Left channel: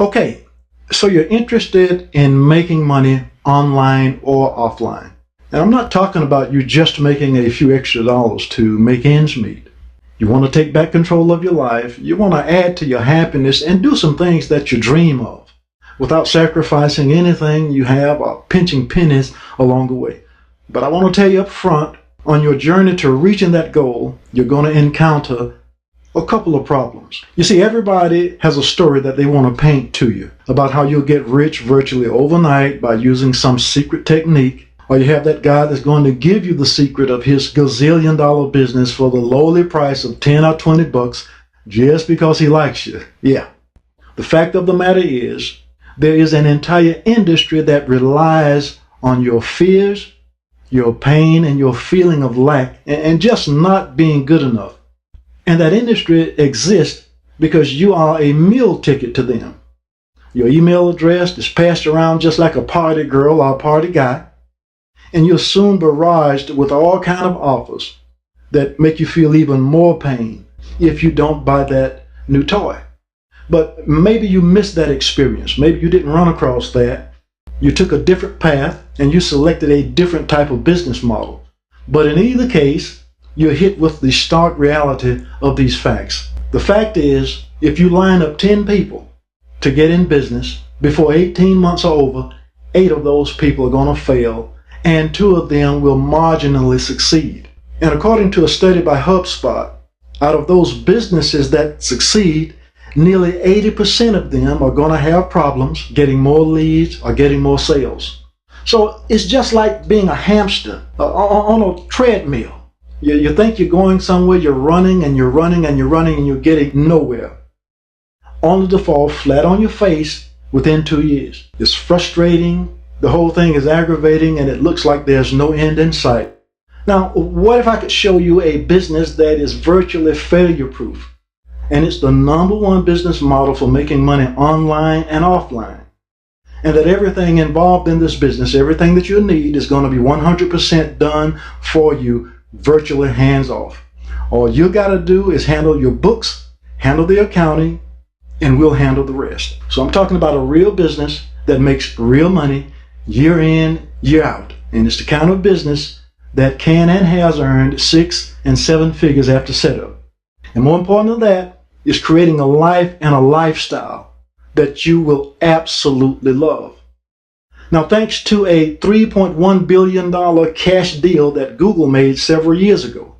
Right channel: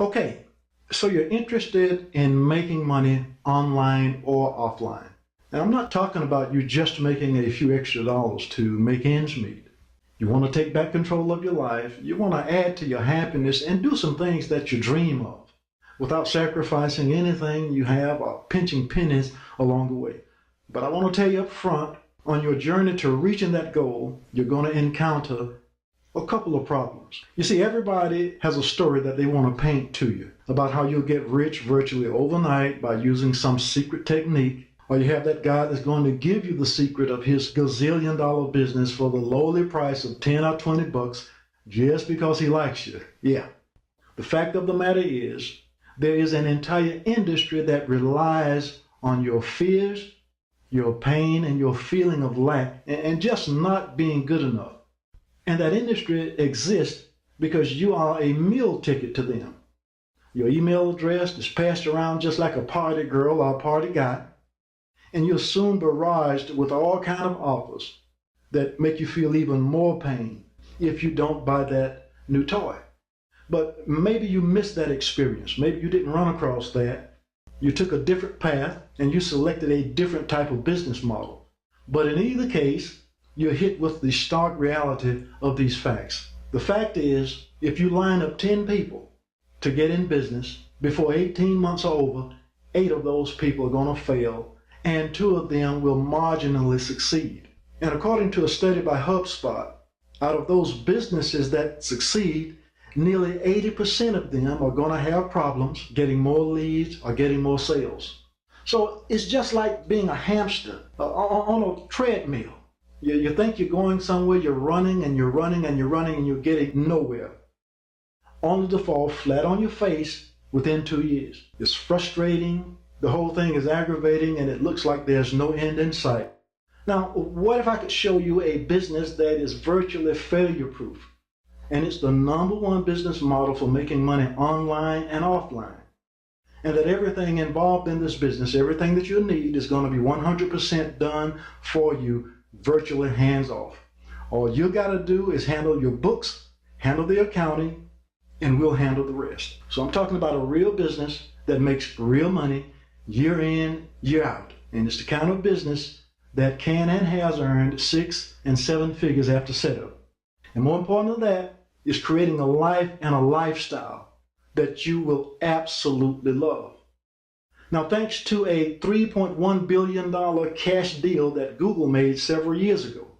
Okay, so you're interested in making money online or offline. And I'm not talking about you just making a few extra dollars to make ends meet. You want to take back control of your life. You want to add to your happiness and do some things that you dream of without sacrificing anything you have or pinching pennies along the way. But I want to tell you up front, on your journey to reaching that goal, you're going to encounter a couple of problems. You see, everybody has a story that they want to paint to you about how you'll get rich virtually overnight by using some secret technique, or you have that guy that's going to give you the secret of his gazillion-dollar business for the lowly price of 10 or 20 bucks just because he likes you. Yeah. The fact of the matter is, there is an entire industry that relies on your fears, your pain, and your feeling of lack, and just not being good enough. And that industry exists because you are a meal ticket to them. Your email address is passed around just like a party girl or a party guy, and you're soon barraged with all kinds of offers that make you feel even more pain if you don't buy that new toy. But maybe you missed that experience. Maybe you didn't run across that. You took a different path and you selected a different type of business model. But in either case, you're hit with the stark reality of these facts. The fact is, if you line up 10 people to get in business, before 18 months are over, 8 of those people are going to fail, and 2 of them will marginally succeed. And according to a study by HubSpot, out of those businesses that succeed, nearly 80% of them are going to have problems getting more leads or getting more sales. So it's just like being a hamster on a treadmill. You think you're going somewhere, you're running and you're running and you're running and you're getting nowhere, only to fall flat on your face within 2 years. It's frustrating, the whole thing is aggravating, and it looks like there's no end in sight. Now, what if I could show you a business that is virtually failure-proof? And it's the #1 business model for making money online and offline. And that everything involved in this business, everything that you need, is going to be 100% done for you, virtually hands-off. All you got to do is handle your books, handle the accounting, and we'll handle the rest. So I'm talking about a real business that makes real money year in, year out. And it's the kind of business that can and has earned 6 and 7 figures after setup. And more important than that, is creating a life and a lifestyle that you will absolutely love. Now, thanks to a $3.1 billion cash deal that Google made several years ago,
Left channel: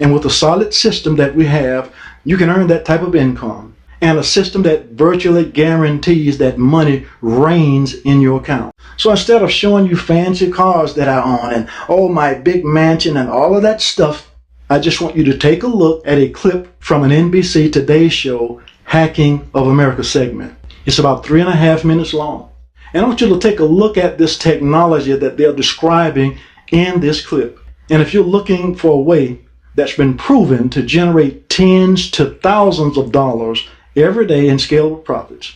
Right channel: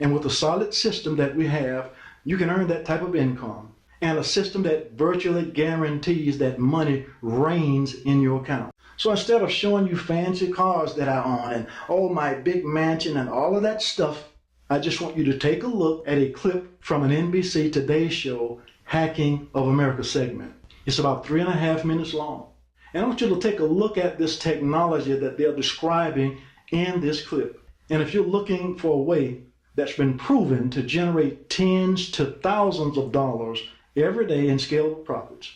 and with a solid system that we have, you can earn that type of income, and a system that virtually guarantees that money rains in your account. So instead of showing you fancy cars that I own and oh, my big mansion and all of that stuff, I just want you to take a look at a clip from an NBC Today show, Hacking of America segment. It's about 3.5 minutes long. And I want you to take a look at this technology that they're describing in this clip. And if you're looking for a way that's been proven to generate tens to thousands of dollars every day in scalable profits,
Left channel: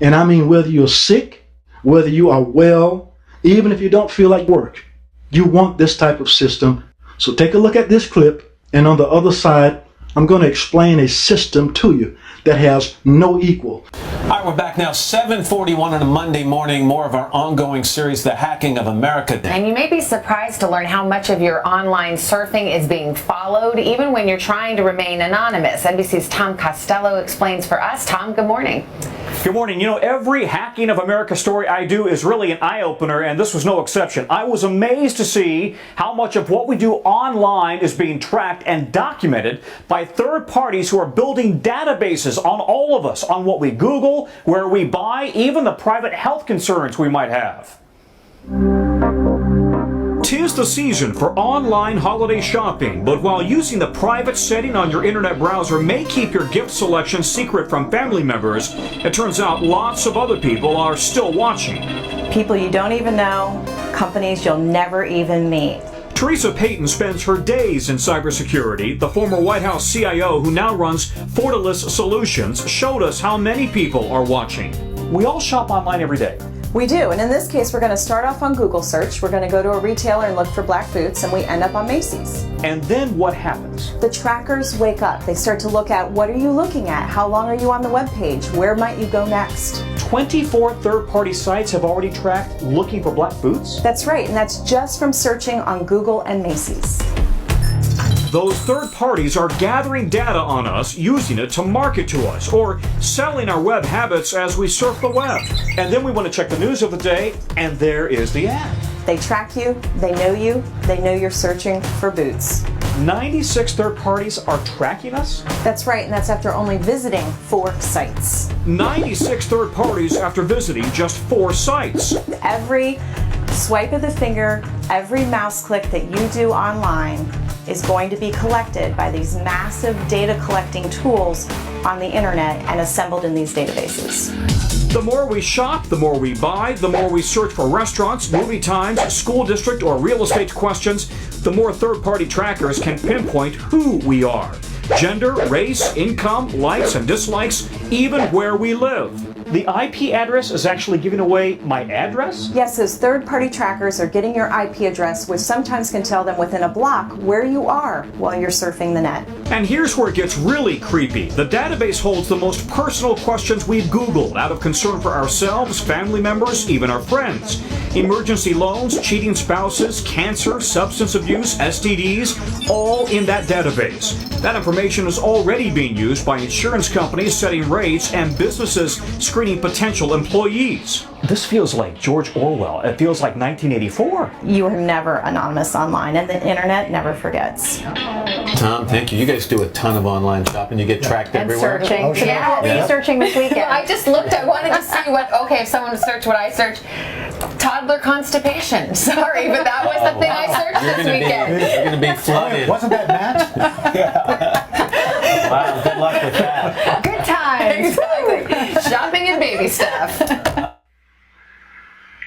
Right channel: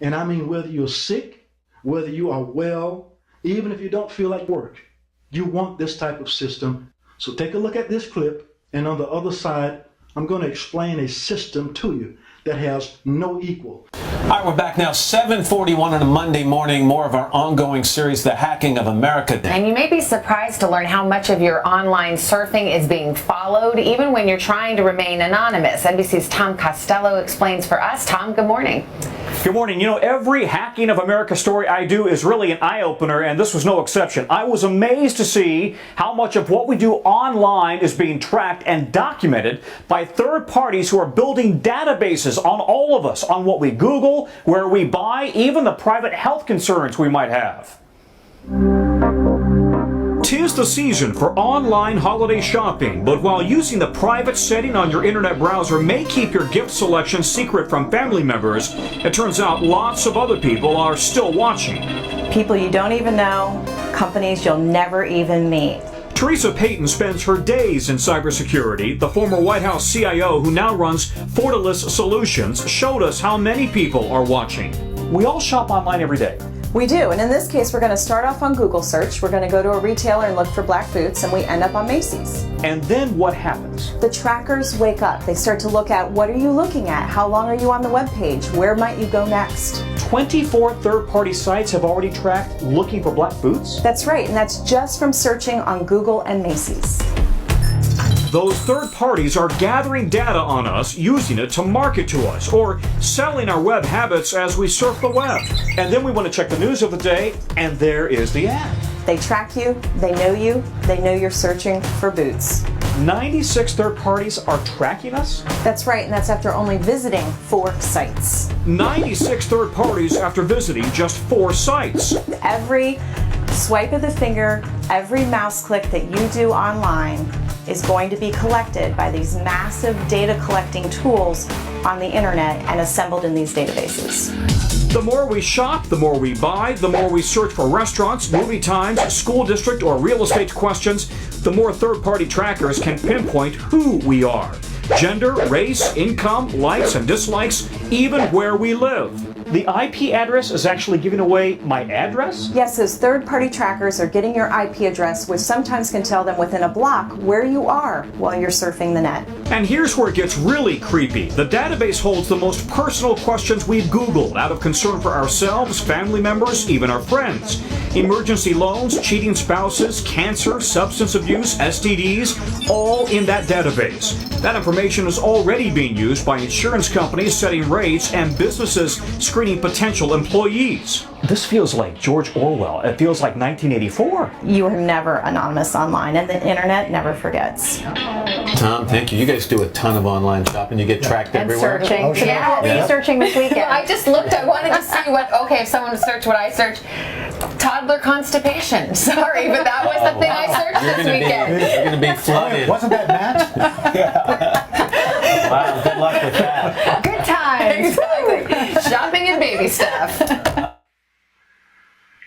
and I mean whether you're sick, whether you are well, even if you don't feel like work, you want this type of system. So take a look at this clip. And on the other side, I'm going to explain a system to you that has no equal. All right, we're back now, 7:41 on a Monday morning, more of our ongoing series, The Hacking of America. And you may be surprised to learn how much of your online surfing is being followed, even when you're trying to remain anonymous. NBC's Tom Costello explains for us. Tom, good morning. Good morning. You know, every Hacking of America story I do is really an eye-opener, and this was no exception. I was amazed to see how much of what we do online is being tracked and documented by third parties who are building databases on all of us, on what we Google, where we buy, even the private health concerns we might have. 'Tis the season for online holiday shopping, but while using the private setting on your internet browser may keep your gift selection secret from family members, it turns out lots of other people are still watching. People you don't even know, companies you'll never even meet. Teresa Payton spends her days in cybersecurity. The former White House CIO, who now runs Fortalice Solutions, showed us how many people are watching. We all shop online every day. We do, and in this case, we're going to start off on Google search. We're going to go to a retailer and look for black boots, and we end up on Macy's. And then what happens? The trackers wake up. They start to look at, what are you looking at? How long are you on the web page? Where might you go next? 24 third-party sites have already tracked looking for black boots? That's right, and that's just from searching on Google and Macy's. Those third parties are gathering data on us, using it to market to us, or selling our web habits as we surf the web. And then we want to check the news of the day, and there is the ad. They track you, they know you're searching for boots. 96 third parties are tracking us? That's right, and that's after only visiting 4 sites. 96 third parties after visiting just 4 sites. Every swipe of the finger, every mouse click that you do online is going to be collected by these massive data collecting tools on the internet and assembled in these databases. The more we shop, the more we buy, the more we search for restaurants, movie times, school district, or real estate questions, the more third-party trackers can pinpoint who we are. Gender, race, income, likes and dislikes, even where we live. The IP address is actually giving away my address? Yes, those third-party trackers are getting your IP address, which sometimes can tell them within a block where you are while you're surfing the net. And here's where it gets really creepy. The database holds the most personal questions we've Googled out of concern for ourselves, family members, even our friends. Emergency loans, cheating spouses, cancer, substance abuse, STDs, all in that database. That information is already being used by insurance companies setting rates and businesses screening potential employees. This feels like George Orwell. It feels like 1984. You are never anonymous online, and the internet never forgets. Tom, thank you. You guys do a ton of online shopping. You get tracked And everywhere. searching. Oh, sure. Yeah, what were you searching this weekend? I just looked. I wanted to see what. Okay, if someone would search what I searched, toddler constipation. Sorry, but that was the thing I searched You're this gonna weekend. you're going to be flooded. Wasn't that Matt? Wow, good luck with that. Good times. Exactly. Shopping and baby stuff.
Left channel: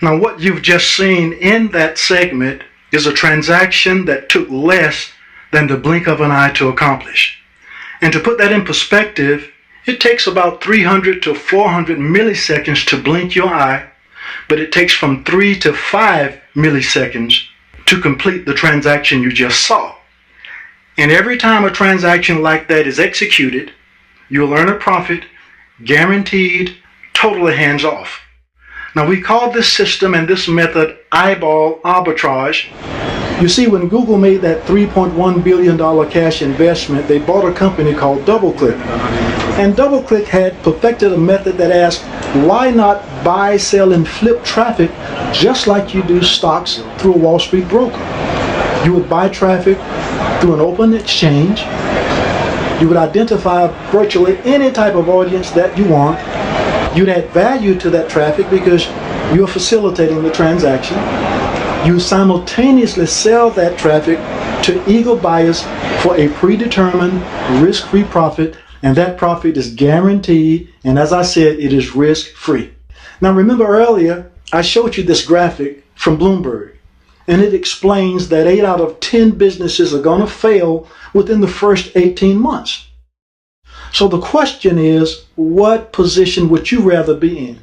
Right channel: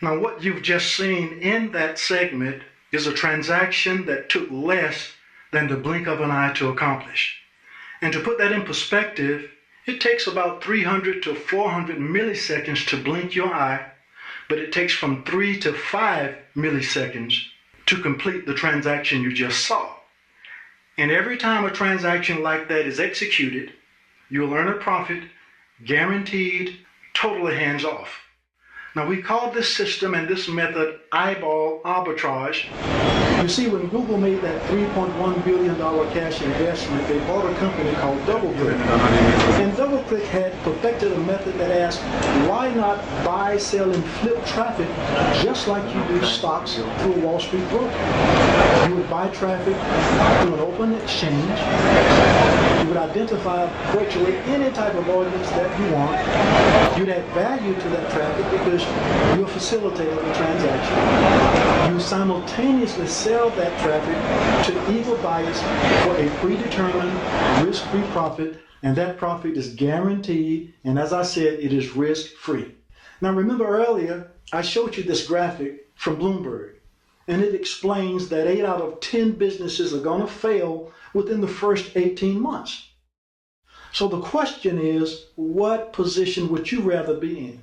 Now, what you've just seen in that segment is a transaction that took less than the blink of an eye to accomplish. And to put that in perspective, it takes about 300 to 400 milliseconds to blink your eye, but it takes from 3 to 5 milliseconds to complete the transaction you just saw. And every time a transaction like that is executed, you'll earn a profit, guaranteed, totally hands-off. Now, we call this system and this method eyeball arbitrage. You see, when Google made that $3.1 billion cash investment, they bought a company called DoubleClick. And DoubleClick had perfected a method that asked, why not buy, sell, and flip traffic just like you do stocks through a Wall Street broker? You would buy traffic through an open exchange. You would identify virtually any type of audience that you want. You'd add value to that traffic because you're facilitating the transaction. You simultaneously sell that traffic to eager buyers for a predetermined, risk-free profit, and that profit is guaranteed, and as I said, it is risk-free. Now remember earlier, I showed you this graphic from Bloomberg, and it explains that 8 out of 10 businesses are going to fail within the first 18 months. So the question is, what position would you rather be in?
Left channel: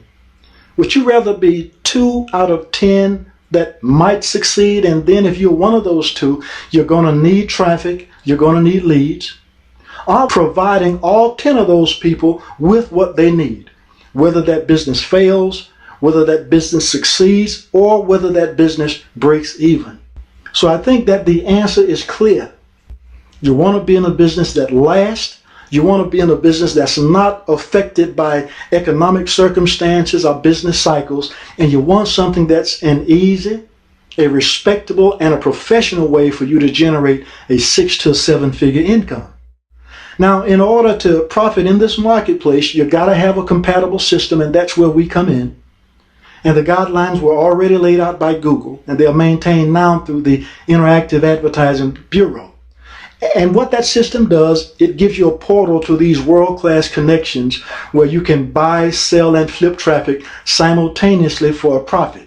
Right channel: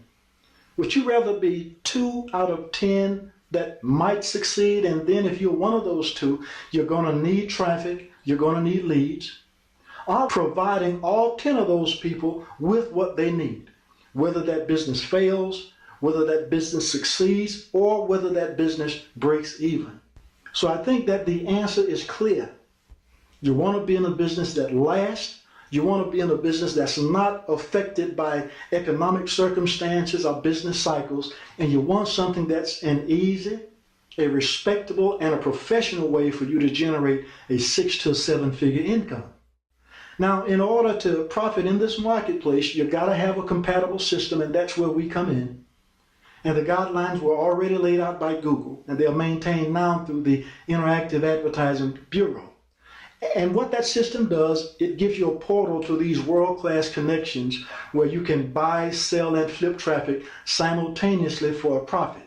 Would you rather be 2 out of 10 that might succeed, and then if you're one of those 2, you're going to need traffic, you're going to need leads, or providing all 10 of those people with what they need, whether that business fails, whether that business succeeds, or whether that business breaks even? So I think that the answer is clear. You want to be in a business that lasts. You want to be in a business that's not affected by economic circumstances or business cycles. And you want something that's an easy, a respectable, and a professional way for you to generate a 6 to 7 figure income. Now, in order to profit in this marketplace, you got to have a compatible system, and that's where we come in. And the guidelines were already laid out by Google, and they are maintained now through the Interactive Advertising Bureau. And what that system does, it gives you a portal to these world-class connections where you can buy, sell, and flip traffic simultaneously for a profit.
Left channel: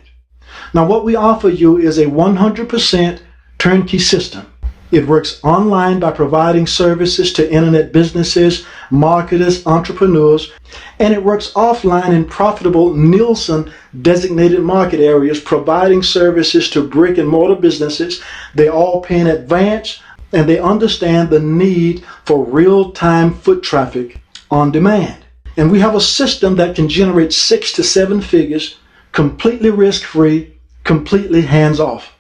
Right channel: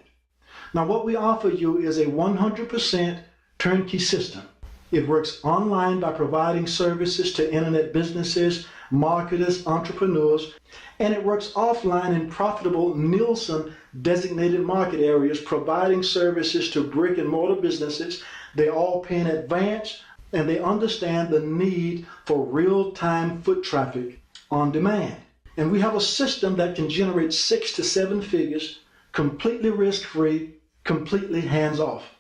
Now, what we offer you is a 100% turnkey system. It works online by providing services to internet businesses, marketers, entrepreneurs, and it works offline in profitable Nielsen designated market areas, providing services to brick and mortar businesses. They all pay in advance, and they understand the need for real-time foot traffic on demand. And we have a system that can generate 6 to 7 figures, completely risk-free, completely hands-off.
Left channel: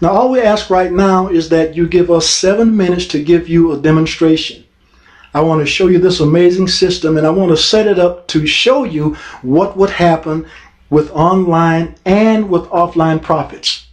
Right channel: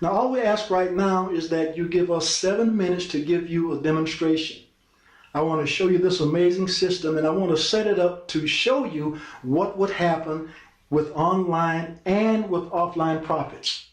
Now, all we ask right now is that you give us 7 minutes to give you a demonstration. I want to show you this amazing system, and I want to set it up to show you what would happen with online and with offline profits.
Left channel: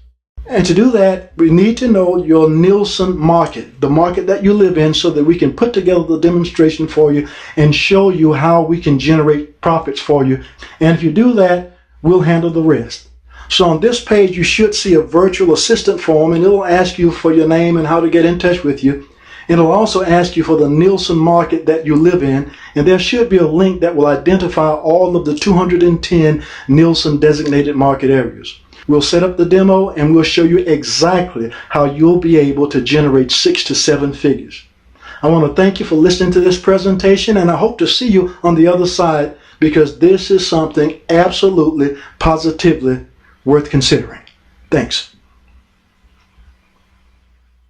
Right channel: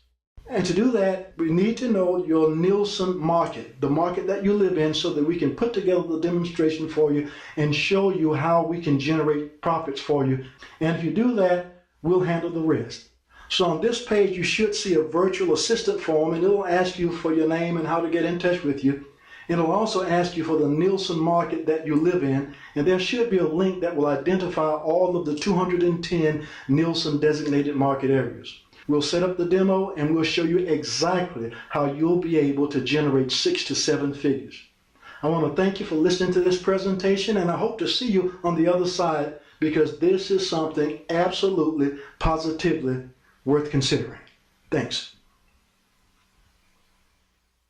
And to do that, we need to know your Nielsen market, the market that you live in, so that we can put together the demonstration for you and show you how we can generate profits for you. And if you do that, we'll handle the rest. So on this page, you should see a virtual assistant form, and it'll ask you for your name and how to get in touch with you. It'll also ask you for the Nielsen market that you live in, and there should be a link that will identify all of the 210 Nielsen designated market areas. We'll set up the demo and we'll show you exactly how you'll be able to generate 6 to 7 figures. I want to thank you for listening to this presentation, and I hope to see you on the other side, because this is something absolutely, positively worth considering. Thanks.